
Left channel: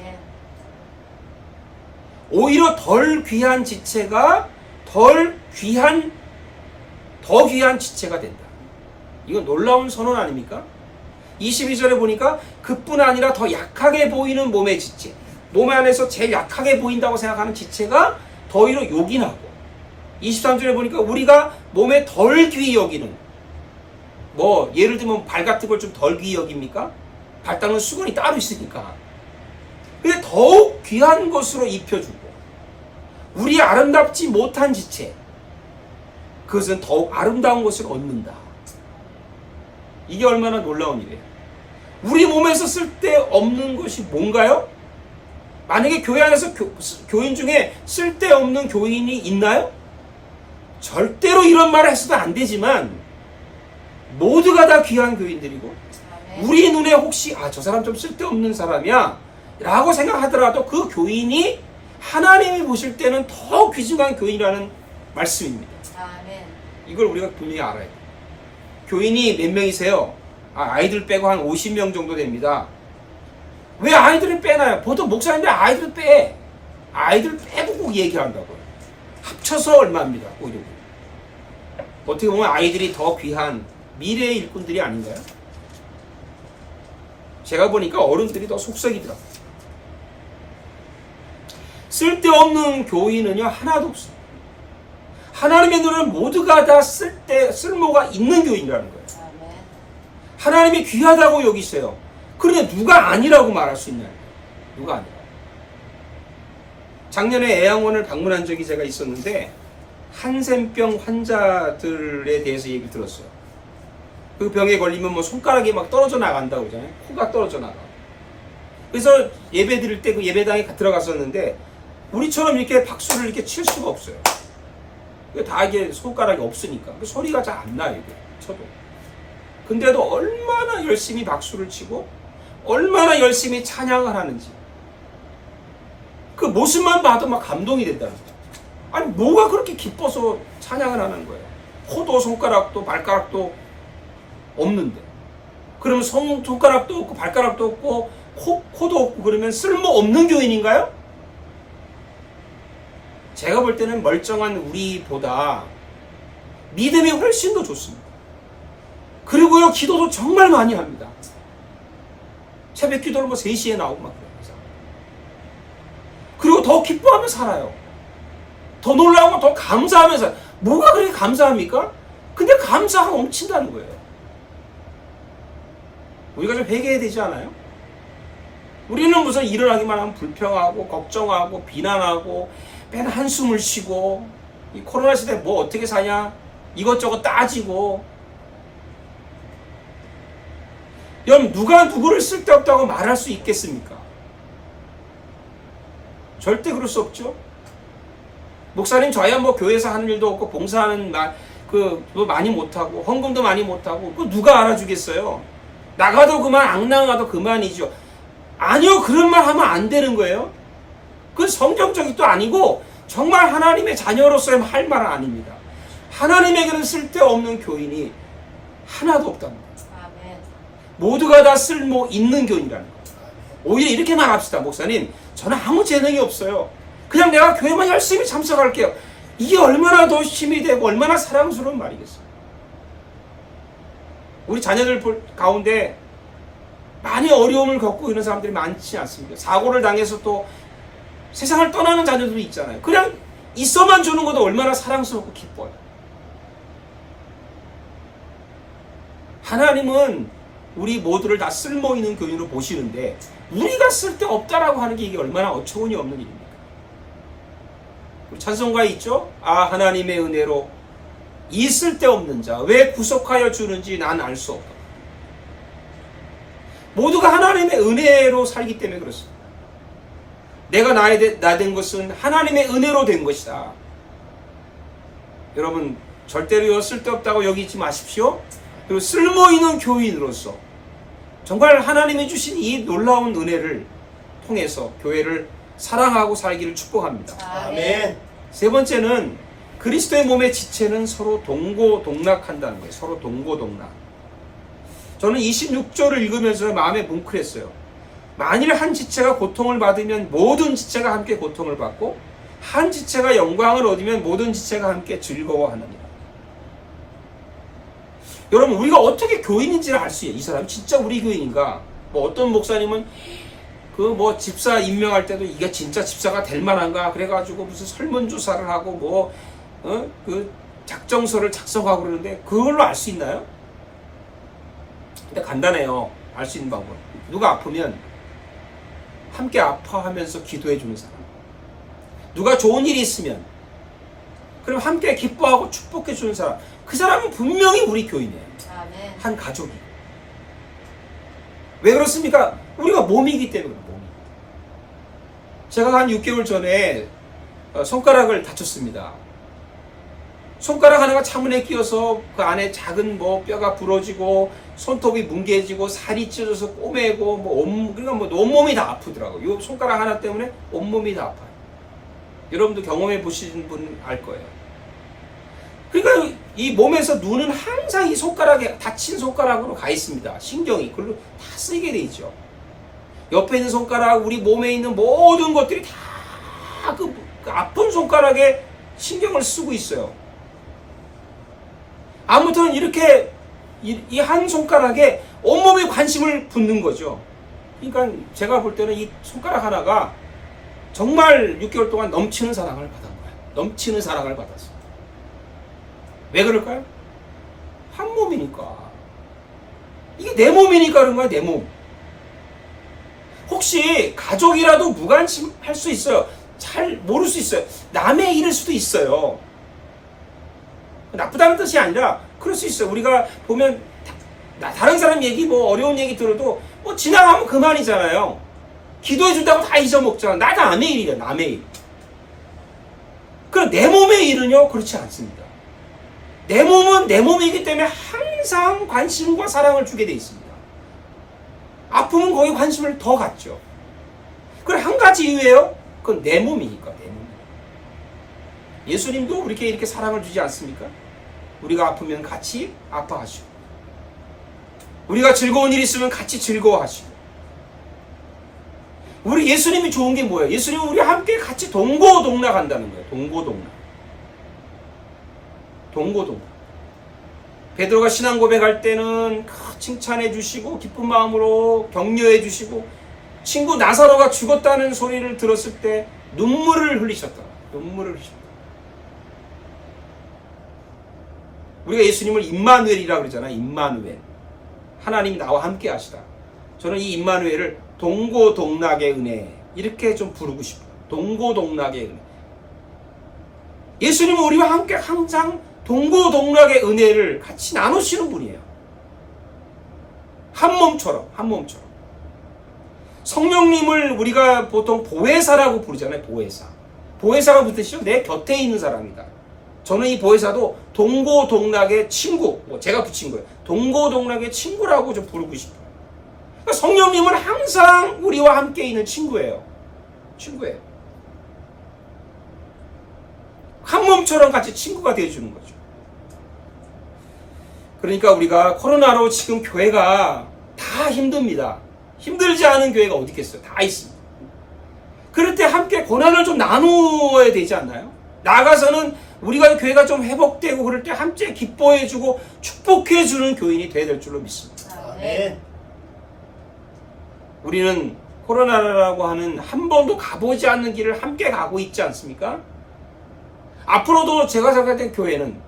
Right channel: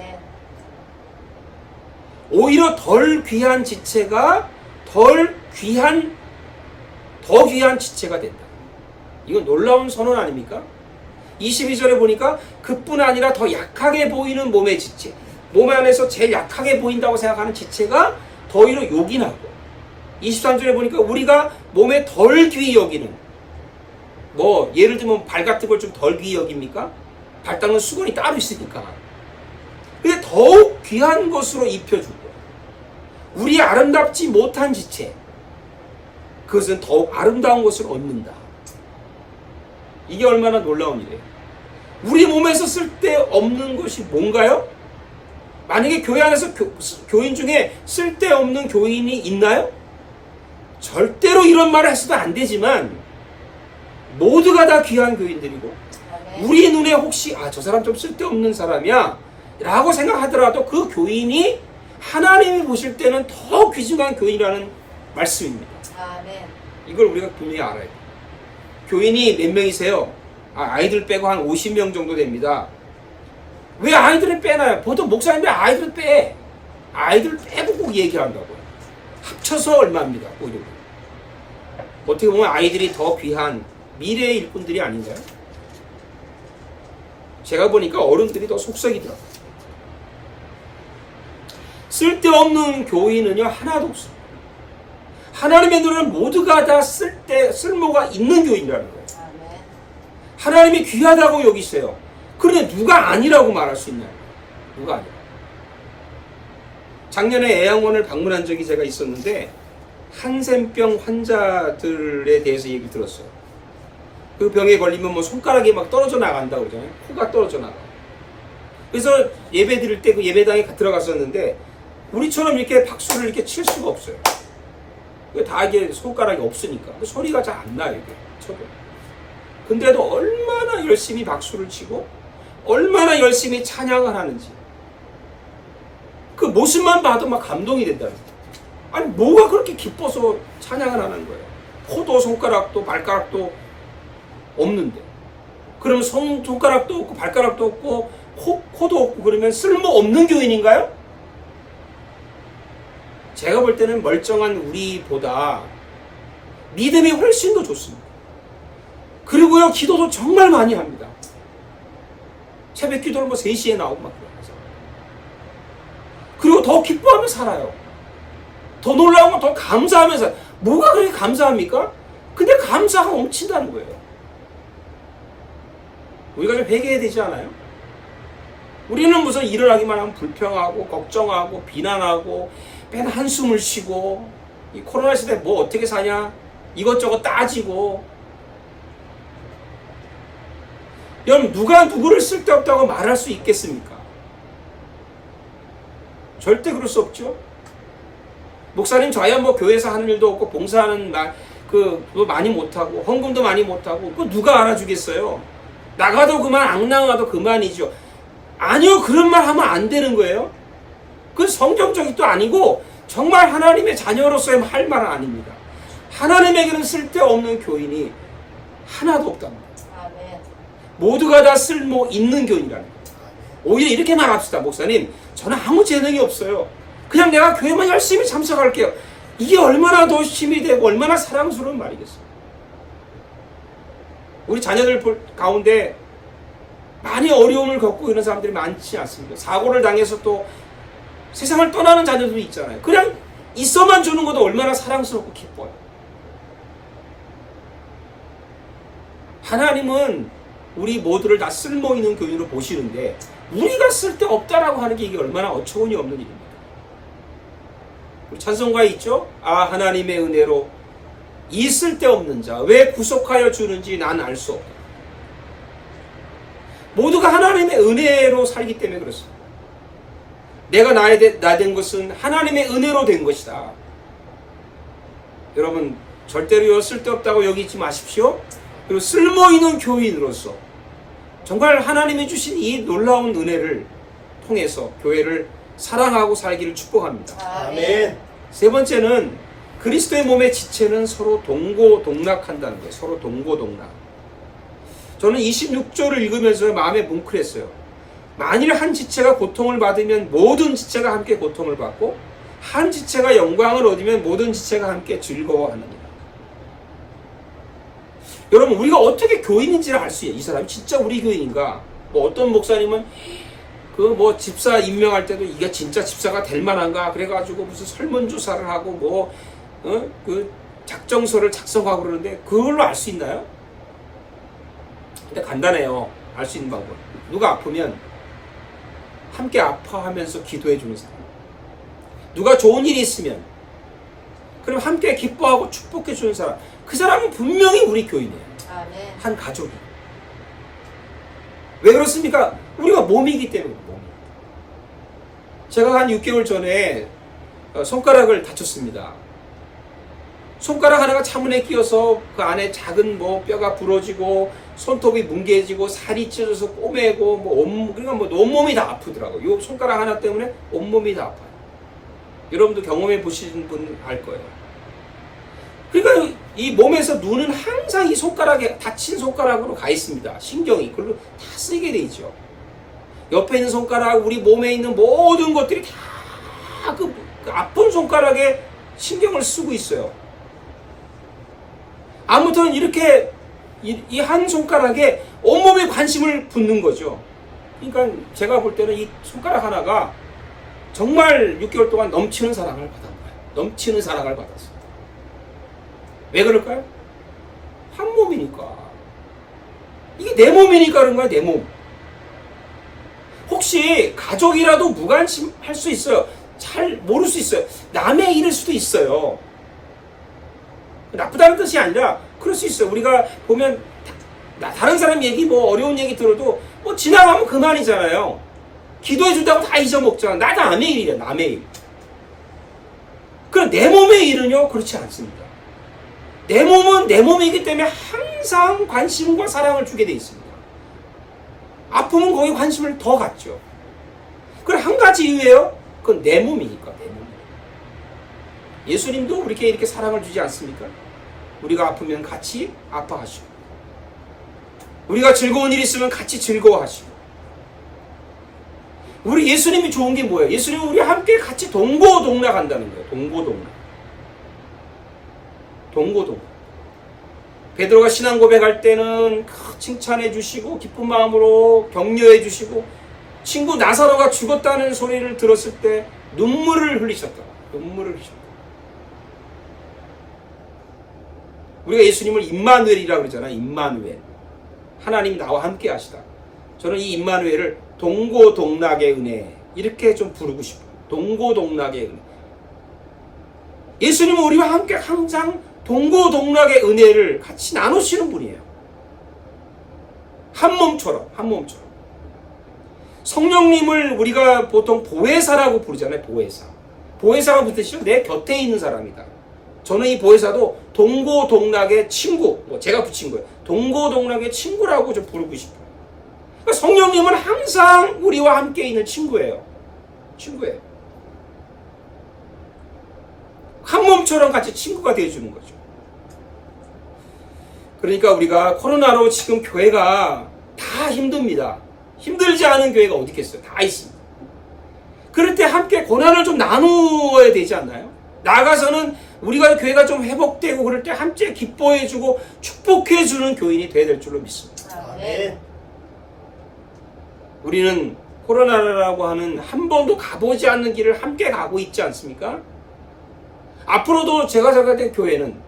오히려 덜 귀한 지체가 더 귀한 지체가 된다. 이거 놀라운 선언 아닙니까? 22절에 보니까 그뿐 아니라 더 약하게 보이는 몸의 지체, 몸 안에서 제일 약하게 보인다고 생각하는 지체가 더 오히려 요긴하고, 23절에 보니까 우리가 몸에 덜 귀히 여기는, 예를 들면 발 같은 걸 좀 덜 귀히 여깁니까? 발 닦는 수건이 따로 있으니까. 그게 더욱 귀한 것으로 입혀주고, 우리 아름답지 못한 지체, 그것은 더욱 아름다운 것을 얻는다. 이게 얼마나 놀라운 일이에요. 우리 몸에서 쓸데없는 것이 뭔가요? 만약에 교회 안에서 교인 중에 쓸데없는 교인이 있나요? 절대로 이런 말을 해서도 안 되지만 모두가 다 귀한 교인들이고, 우리 눈에 혹시 저 사람 좀 쓸데없는 사람이야 라고 생각하더라도 그 교인이 하나님이 보실 때는 더 귀중한 교인이라는 말씀입니다. 이걸 우리가 분명히 알아야 돼요. 교인이 몇 명이세요? 아이들 빼고 한 50명 정도 됩니다. 왜 아이들을 빼나요? 보통 목사님들 아이들을 빼. 아이들 빼고 꼭 얘기한다고. 합쳐서 얼마입니다. 오히려. 어떻게 보면 아이들이 더 귀한 미래의 일꾼들이 아닌가요? 제가 보니까 어른들이 더 속썩이더라고요. 쓸데없는 교인은요 하나도 없어요. 하나님의 눈에는 모두가 다 쓸모가 있는 교인이라는 거예요. 하나님이 귀하다고 여기세요. 그런데 누가 아니라고 말할 수 있나요? 누가 아니에요? 작년에 애양원을 방문한 적이 제가 있었는데 한센병 환자들에 대해서 얘기 들었어요. 그 병에 걸리면 뭐 손가락이 막 떨어져 나간다고 그러잖아요. 코가 떨어져 나가. 그래서 예배 드릴 때 그 예배당에 들어갔었는데 우리처럼 이렇게 박수를 이렇게 칠 수가 없어요. 다 이게 손가락이 없으니까 소리가 잘 안 나요. 이게 쳐도. 근데도 얼마나 열심히 박수를 치고 얼마나 열심히 찬양을 하는지 그 모습만 봐도 막 감동이 된다는 거예요. 아니 뭐가 그렇게 기뻐서 찬양을 하는 거예요. 코도 손가락도 발가락도 없는데 그러면 손가락도 없고 발가락도 없고 코도 없고 그러면 쓸모없는 교인인가요? 제가 볼 때는 멀쩡한 우리보다 믿음이 훨씬 더 좋습니다. 그리고요 기도도 정말 많이 합니다. 새벽 기도를 뭐 3시에 나오고 막 그래요. 그리고 더 기뻐하며 살아요. 더 놀라고 더 감사하면서 뭐가 그렇게 감사합니까? 근데 감사가 넘친다는 거예요. 우리가 좀 회개해야 되지 않아요? 우리는 무슨 일어나기만 하면 불평하고 걱정하고 비난하고 맨 한숨을 쉬고 이 코로나 시대에 뭐 어떻게 사냐 이것저것 따지고 여러분 누가 누구를 쓸데없다고 말할 수 있겠습니까? 절대 그럴 수 없죠. 목사님 저희야 뭐 교회에서 하는 일도 없고 봉사하는 그거 많이 못하고 헌금도 많이 못하고 그거 누가 알아주겠어요? 나가도 그만 앙나가도 그만이죠. 아니요 그런 말 하면 안 되는 거예요. 그건 성경적이도 아니고 정말 하나님의 자녀로서의 할 말은 아닙니다. 하나님에게는 쓸데없는 교인이 하나도 없답니다. 아멘. 모두가 다 쓸모 있는 교인이라는 거예요. 오히려 이렇게 말합시다. 목사님 저는 아무 재능이 없어요. 그냥 내가 교회만 열심히 참석할게요. 이게 얼마나 더 힘이 되고 얼마나 사랑스러운 말이겠어요. 우리 자녀들 가운데 많이 어려움을 겪고 있는 사람들이 많지 않습니까? 사고를 당해서 또 세상을 떠나는 자녀들도 있잖아요. 그냥 있어만 주는 것도 얼마나 사랑스럽고 기뻐요. 하나님은 우리 모두를 다 쓸모있는 교인으로 보시는데 우리가 쓸데없다라고 하는 게 이게 얼마나 어처구니 없는 일입니다. 찬송가에 있죠? 아 하나님의 은혜로 이 쓸데없는 자 왜 구속하여 주는지 난 알 수 없다. 모두가 하나님의 은혜로 살기 때문에 그렇습니다. 내가 나 된 것은 하나님의 은혜로 된 것이다. 여러분 절대로 쓸데없다고 여기지 마십시오. 그리고 쓸모있는 교인으로서 정말 하나님이 주신 이 놀라운 은혜를 통해서 교회를 사랑하고 살기를 축복합니다. 아멘. 세 번째는 그리스도의 몸의 지체는 서로 동고동락한다는 거예요. 서로 동고동락. 저는 26조를 읽으면서 마음에 뭉클했어요. 만일 한 지체가 고통을 받으면 모든 지체가 함께 고통을 받고 한 지체가 영광을 얻으면 모든 지체가 함께 즐거워하느니라. 여러분 우리가 어떻게 교인인지를 알 수 있어요. 이 사람이 진짜 우리 교인인가? 뭐 어떤 목사님은 그 뭐 집사 임명할 때도 이게 진짜 집사가 될 만한가? 그래가지고 무슨 설문조사를 하고 그 작정서를 작성하고 그러는데 그걸로 알 수 있나요? 근데 간단해요. 알 수 있는 방법. 누가 아프면 함께 아파하면서 기도해 주는 사람. 누가 좋은 일이 있으면 그럼 함께 기뻐하고 축복해 주는 사람. 그 사람은 분명히 우리 교인이에요. 아멘. 한 가족이. 왜 그렇습니까? 우리가 몸이기 때문에 몸이. 제가 한 6개월 전에 손가락을 다쳤습니다. 손가락 하나가 차문에 끼어서 그 안에 작은 뭐 뼈가 부러지고 손톱이 뭉개지고 살이 찢어져서 꼬매고 그러니까 온몸이 다 아프더라고요. 이 손가락 하나 때문에 온몸이 다 아파요. 여러분도 경험해 보신 분 알 거예요. 그러니까 이 몸에서 눈은 항상 이 손가락에 다친 손가락으로 가 있습니다. 신경이 그걸로 다 쓰이게 돼 있죠. 옆에 있는 손가락, 우리 몸에 있는 모든 것들이 다 그 아픈 손가락에 신경을 쓰고 있어요. 아무튼 이렇게 이 한 손가락에 온몸에 관심을 붓는 거죠. 그러니까 제가 볼 때는 이 손가락 하나가 정말 6개월 동안 넘치는 사랑을 받은 거예요. 넘치는 사랑을 받았어요. 왜 그럴까요? 한 몸이니까. 이게 내 몸이니까 그런 거야, 내 몸. 혹시 가족이라도 무관심할 수 있어요. 잘 모를 수 있어요. 남의 일일 수도 있어요. 나쁘다는 뜻이 아니라 그럴 수 있어요. 우리가 보면 다른 사람 얘기 뭐 어려운 얘기 들어도 뭐 지나가면 그만이잖아요. 기도해 준다고 다 잊어먹잖아. 나 남의 일이야, 남의 일. 그럼 내 몸의 일은요? 그렇지 않습니다. 내 몸은 내 몸이기 때문에 항상 관심과 사랑을 주게 돼 있습니다. 아프면 거기 관심을 더 갖죠. 그럼 한 가지 이유예요. 그건 내 몸이니까, 내 몸. 예수님도 우리에게 이렇게 사랑을 주지 않습니까? 우리가 아프면 같이 아파하시고, 우리가 즐거운 일이 있으면 같이 즐거워하시고. 우리 예수님이 좋은 게 뭐예요? 예수님은 우리 함께 같이 동고동락한다는 거예요. 동고동락. 동고동락. 베드로가 신앙 고백할 때는 칭찬해 주시고 기쁜 마음으로 격려해 주시고, 친구 나사로가 죽었다는 소리를 들었을 때 눈물을 흘리셨다. 눈물을 흘리셨다. 우리가 예수님을 임마누엘이라고 그러잖아요. 임마누엘. 하나님이 나와 함께 하시다. 저는 이 임마누엘을 동고동락의 은혜 이렇게 좀 부르고 싶어요. 동고동락의 은혜. 예수님은 우리와 함께 항상 동고동락의 은혜를 같이 나누시는 분이에요. 한 몸처럼, 한 몸처럼. 성령님을 우리가 보통 보혜사라고 부르잖아요. 보혜사. 보혜사가 무슨 뜻이죠? 내 곁에 있는 사람이다. 저는 이 보혜사도 동고동락의 친구, 제가 붙인 거예요. 동고동락의 친구라고 좀 부르고 싶어요. 그러니까 성령님은 항상 우리와 함께 있는 친구예요. 친구예요. 한 몸처럼 같이 친구가 되어주는 거죠. 그러니까 우리가 코로나로 지금 교회가 다 힘듭니다. 힘들지 않은 교회가 어디 있겠어요? 다 있습니다. 그럴 때 함께 고난을 좀 나누어야 되지 않나요? 나가서는 우리가 교회가 좀 회복되고 그럴 때 함께 기뻐해주고 축복해주는 교인이 되어야 될 줄로 믿습니다. 아멘. 우리는 코로나라고 하는 한 번도 가보지 않는 길을 함께 가고 있지 않습니까? 앞으로도 제가 생각할 교회는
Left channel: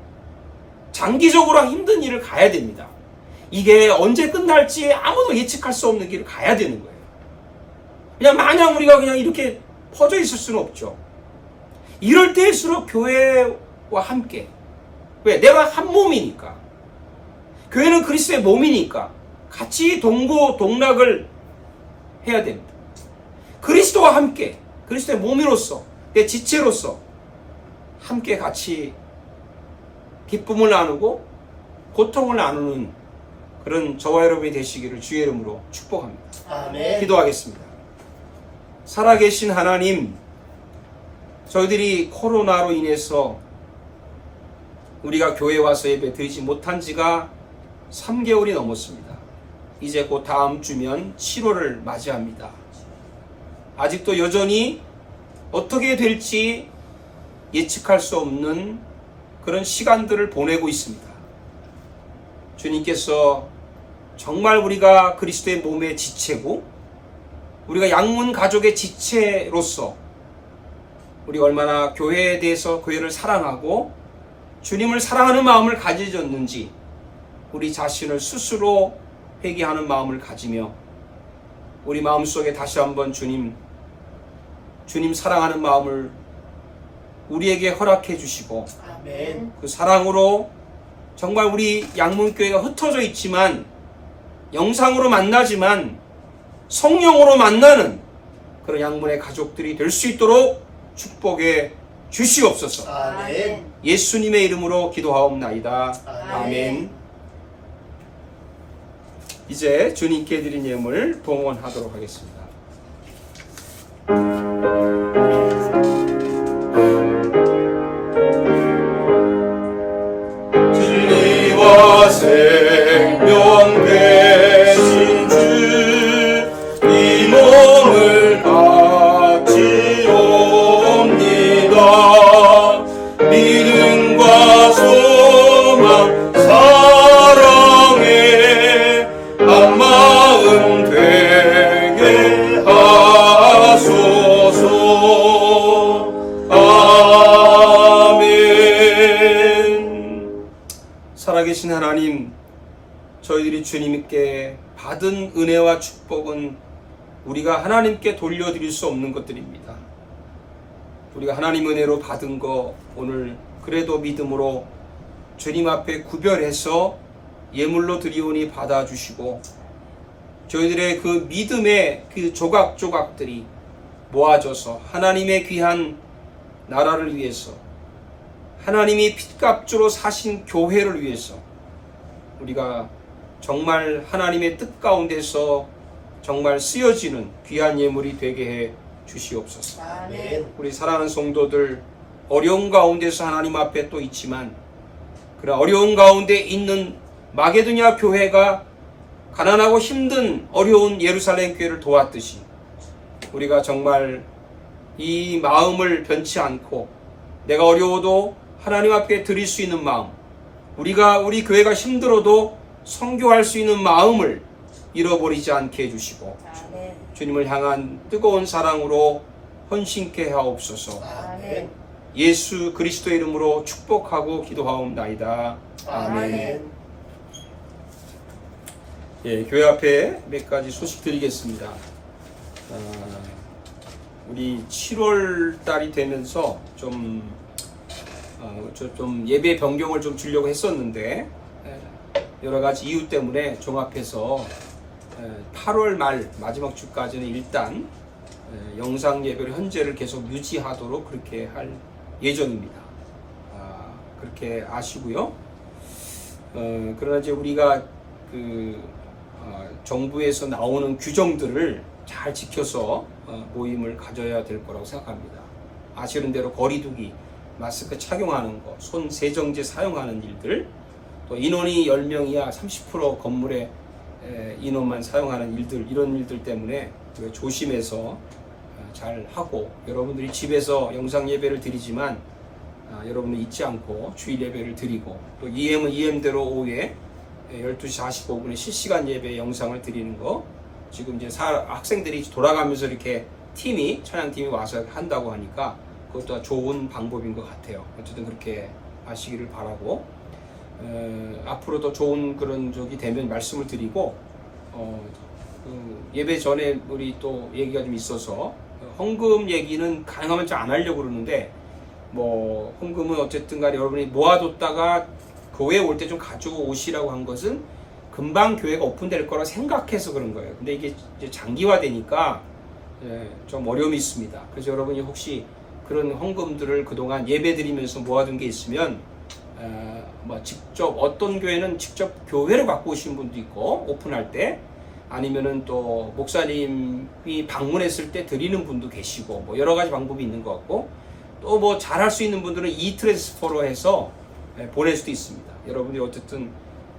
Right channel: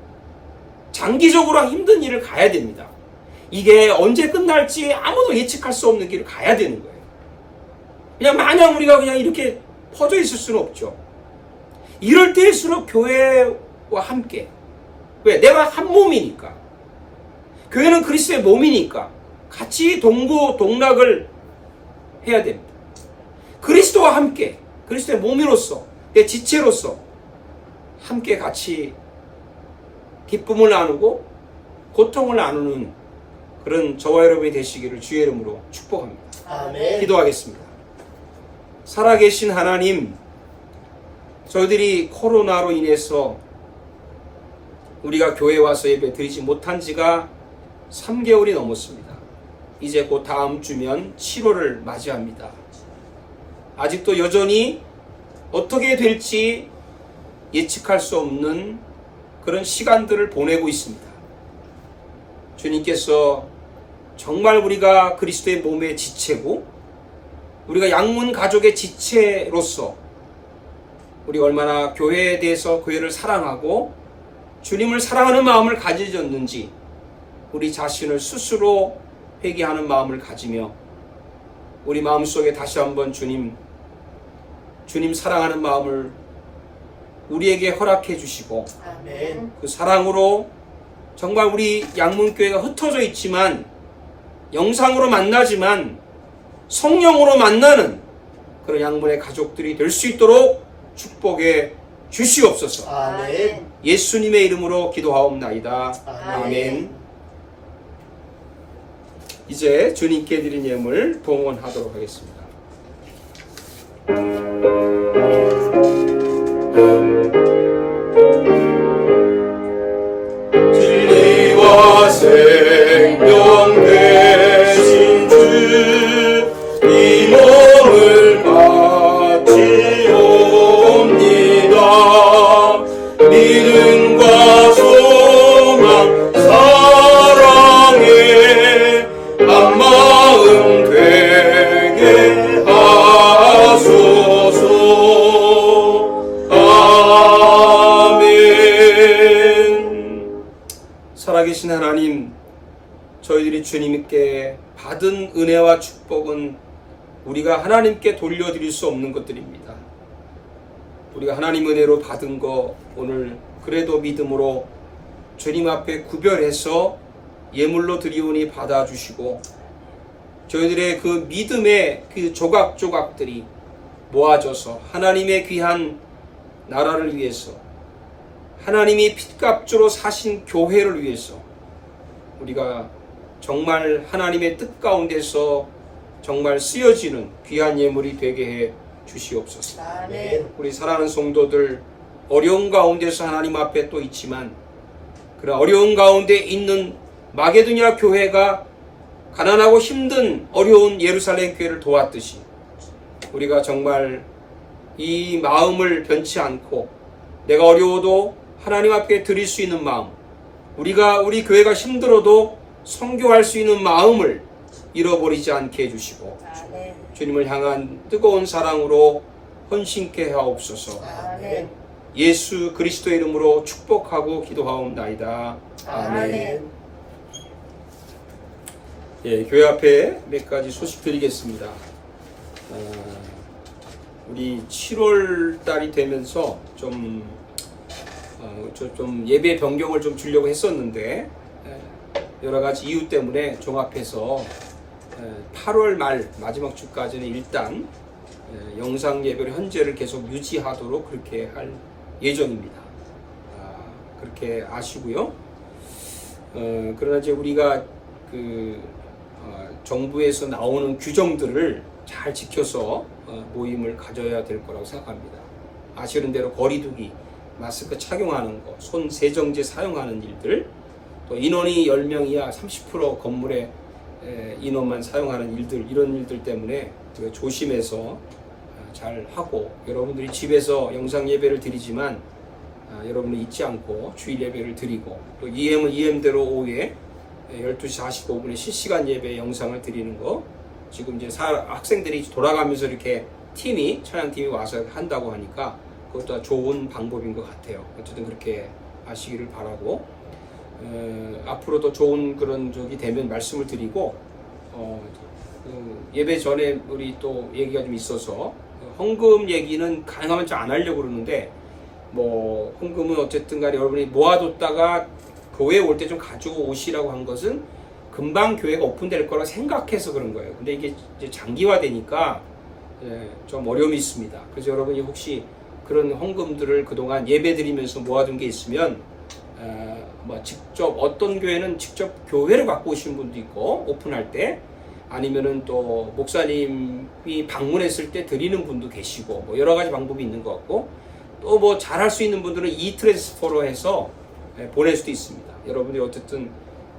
장기적으로 힘든 일을 가야 됩니다. 이게 언제 끝날지 아무도 예측할 수 없는 길을 가야 되는 거예요. 그냥 마냥 우리가 그냥 이렇게 퍼져 있을 수는 없죠. 이럴 때일수록 교회와 함께. 왜? 내가 한 몸이니까. 교회는 그리스도의 몸이니까 같이 동고동락을 해야 됩니다. 그리스도와 함께, 그리스도의 몸으로서, 내 지체로서 함께 같이 기쁨을 나누고 고통을 나누는 그런 저와 여러분이 되시기를 주의 이름으로 축복합니다. 아멘. 기도하겠습니다. 살아계신 하나님, 저희들이 코로나로 인해서 우리가 교회 와서 예배 드리지 못한 지가 3개월이 넘었습니다. 이제 곧 다음 주면 7월을 맞이합니다. 아직도 여전히 어떻게 될지 예측할 수 없는 그런 시간들을 보내고 있습니다. 주님께서 정말 우리가 그리스도의 몸의 지체고 우리가 양문 가족의 지체로서 우리가 얼마나 교회에 대해서 교회를 사랑하고 주님을 사랑하는 마음을 가지셨는지 우리 자신을 스스로 회개하는 마음을 가지며 우리 마음속에 다시 한번 주님 사랑하는 마음을 우리에게 허락해 주시고 아멘. 그 사랑으로 정말 우리 양문교회가 흩어져 있지만 영상으로 만나지만 성령으로 만나는 그런 양문의 가족들이 될 수 있도록 축복해 주시옵소서. 아멘. 예수님의 이름으로 기도하옵나이다. 아멘. 아멘. 이제 주님께 드린 예물 동원하도록 하겠습니다. 진리와 생명 되신 주 이모 한 마음 되게 하소서. 아멘. 살아계신 하나님, 저희들이 주님께 받은 은혜와 축복은 우리가 하나님께 돌려드릴 수 없는 것들입니다. 우리가 하나님 은혜로 받은 거 오늘 그래도 믿음으로 주님 앞에 구별해서 예물로 드리오니 받아주시고, 저희들의 그 믿음의 그 조각조각들이 모아져서 하나님의 귀한 나라를 위해서, 하나님이 핏값주로 사신 교회를 위해서 우리가 정말 하나님의 뜻 가운데서 정말 쓰여지는 귀한 예물이 되게 해 주시옵소서. 아멘. 우리 사랑하는 성도들, 어려운 가운데서 하나님 앞에 또 있지만, 그런 어려운 가운데 있는 마게도냐 교회가 가난하고 힘든 어려운 예루살렘 교회를 도왔듯이, 우리가 정말 이 마음을 변치 않고 내가 어려워도 하나님 앞에 드릴 수 있는 마음, 우리 교회가 힘들어도 선교할 수 있는 마음을 잃어버리지 않게 해주시고, 아멘. 주님을 향한 뜨거운 사랑으로 헌신케 하옵소서. 아멘. 예수 그리스도의 이름으로 축복하고 기도하옵나이다. 아멘. 아멘. 예, 교회 앞에 몇 가지 소식 드리겠습니다. 우리 7월 달이 되면서 좀 예배 변경을 좀 주려고 했었는데, 여러 가지 이유 때문에 종합해서 8월 말 마지막 주까지는 일단 영상 예배를 현재를 계속 유지하도록 그렇게 할 예정입니다. 그렇게 아시고요. 그러나 이제 우리가 정부에서 나오는 규정들을 잘 지켜서 모임을 가져야 될 거라고 생각합니다. 아시는 대로 거리두기, 마스크 착용하는 거, 손 세정제 사용하는 일들, 또 인원이 10명 이하 30% 건물에 인원만 사용하는 일들, 이런 일들 때문에 우리가 조심해서 잘 하고, 여러분들이 집에서 영상 예배를 드리지만 여러분은 잊지 않고 주일 예배를 드리고, 또 EM은 EM대로 오후에 12시 45분에 실시간 예배 영상을 드리는 거, 지금 이제 학생들이 돌아가면서 이렇게 찬양팀이 와서 한다고 하니까 그것도 좋은 방법인 것 같아요. 어쨌든 그렇게 아시기를 바라고, 앞으로도 좋은 그런 적이 되면 말씀을 드리고, 예배 전에 우리 또 얘기가 좀 있어서 헌금 얘기는 가능하면 좀 안 하려고 그러는데, 뭐 헌금은 어쨌든 간에 여러분이 모아뒀다가 교회에 올 때 좀 가지고 오시라고 한 것은 금방 교회가 오픈될 거라 생각해서 그런 거예요. 근데 이게 이제 장기화되니까 좀 어려움이 있습니다. 그래서 여러분이 혹시 그런 헌금들을 그동안 예배 드리면서 모아둔 게 있으면 뭐 직접 어떤 교회는 직접 교회를 갖고 오시는 분도 있고, 오픈할 때, 아니면은 또 목사님이 방문했을 때 드리는 분도 계시고, 뭐 여러 가지 방법이 있는 것 같고, 또 뭐 잘할 수 있는 분들은 이트랜스퍼로 해서 보낼 수도 있습니다. 여러분들이 어쨌든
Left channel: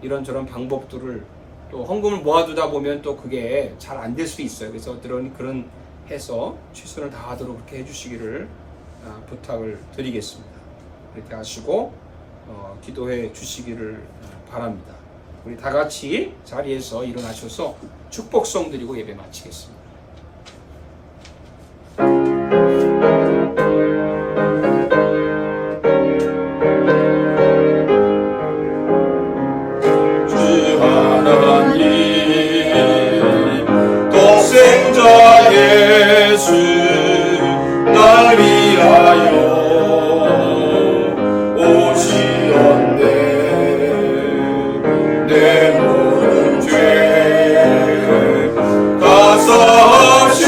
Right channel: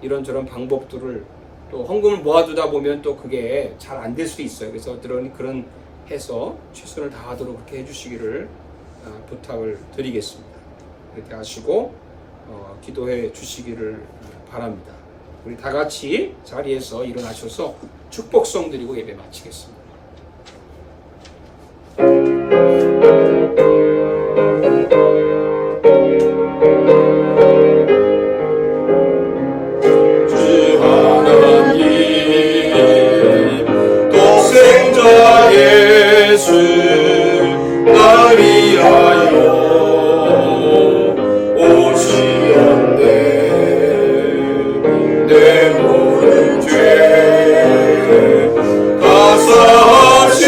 이런저런 방법들을, 또 헌금을 모아두다 보면 또 그게 잘 안 될 수도 있어요. 그래서 그런 해서 최선을 다하도록 그렇게 해주시기를 부탁을 드리겠습니다. 이렇게 하시고 기도해 주시기를 바랍니다. 우리 다 같이 자리에서 일어나셔서 축복성 드리고 예배 마치겠습니다. 주 하나님, 독생자 예수 날 위하여 오시었네. 내 모든 죄 가사하시고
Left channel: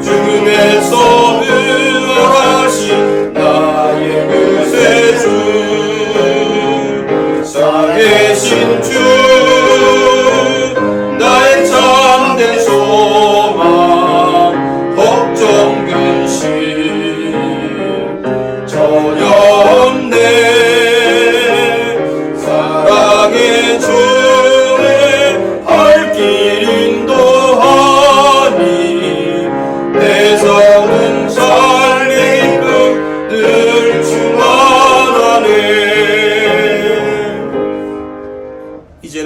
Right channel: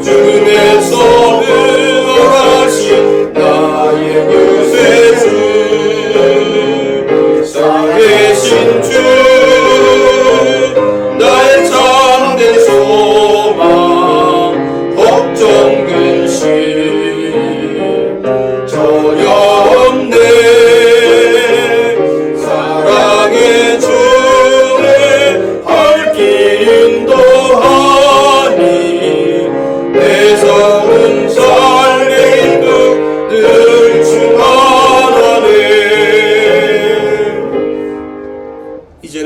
주님에서 은하신 나의 구세주, 살아계신 주 나의 참된 소망,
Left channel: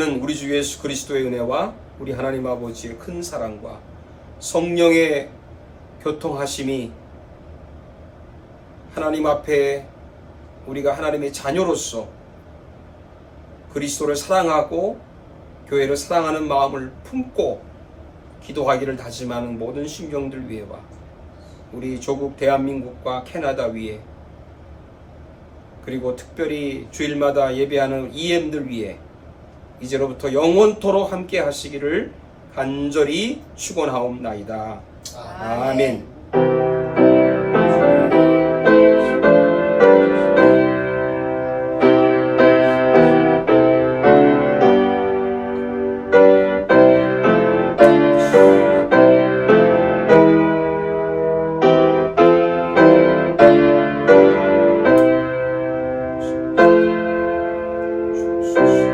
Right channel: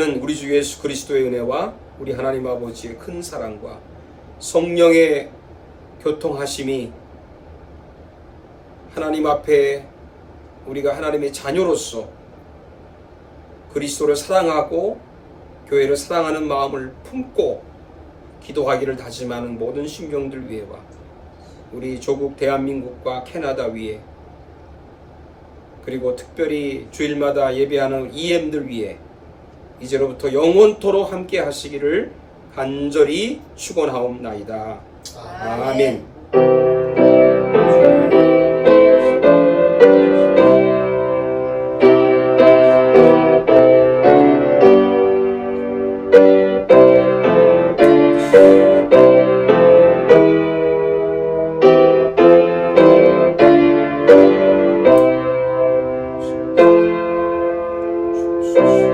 이제는 우리 주 예수 그리스도의 은혜와 우리 하나님 아버지의 큰 사랑과 성령의 교통하심이 하나님 앞에 우리가 하나님의 자녀로서 그리스도를 사랑하고 교회를 사랑하는 마음을 품고 기도하기를 다짐하는 모든 신경들 위에와 우리 조국 대한민국과 캐나다 위에 그리고 특별히 주일마다 예배하는 EM들 위에 이제로부터 영원토록 함께 하시기를 간절히 축원하옵나이다. 아멘. 주옵소서.